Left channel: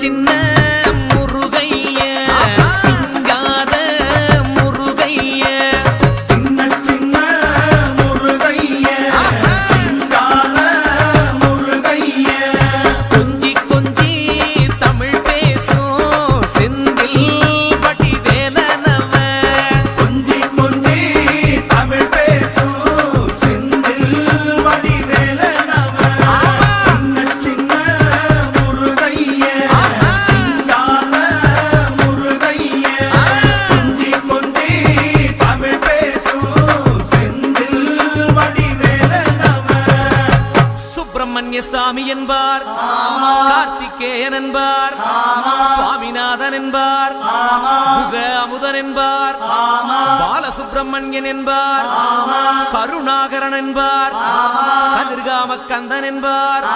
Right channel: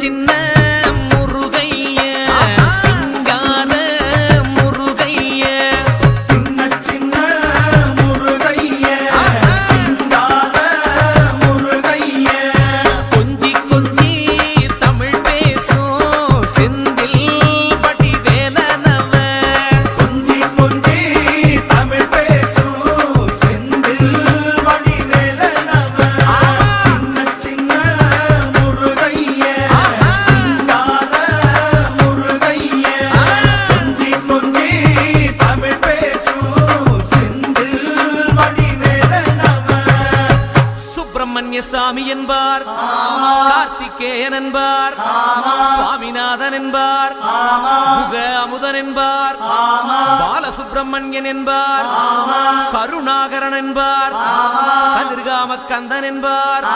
சின்ன முருகைய சிங்கார முருகைய சின்ன சின்ன முருகைய சிங்கார முருகைய கொஞ்சி கொஞ்சி தமிழ் பேசும் செந்தில் வடிவேலனவ கொஞ்சி கொஞ்சி தமிழ் பேசும் செந்தில் வடிவேலனவ சின்ன சின்ன முருகைய சிங்கார முருகைய கொஞ்சி கொஞ்சி தமிழ் பேசும் செந்தில் வடிவேலனவ சுப்பிரமணிய சாமி என்பார், கார்த்திகேயன் என்பார், சுவாமிநாதன் என்பார், முக அமுதன் என்பார், பாலசுப்பிரமணியன் என்பார், கருணாகரன் என்பார், கதிர்காம கந்தன் என்பார்,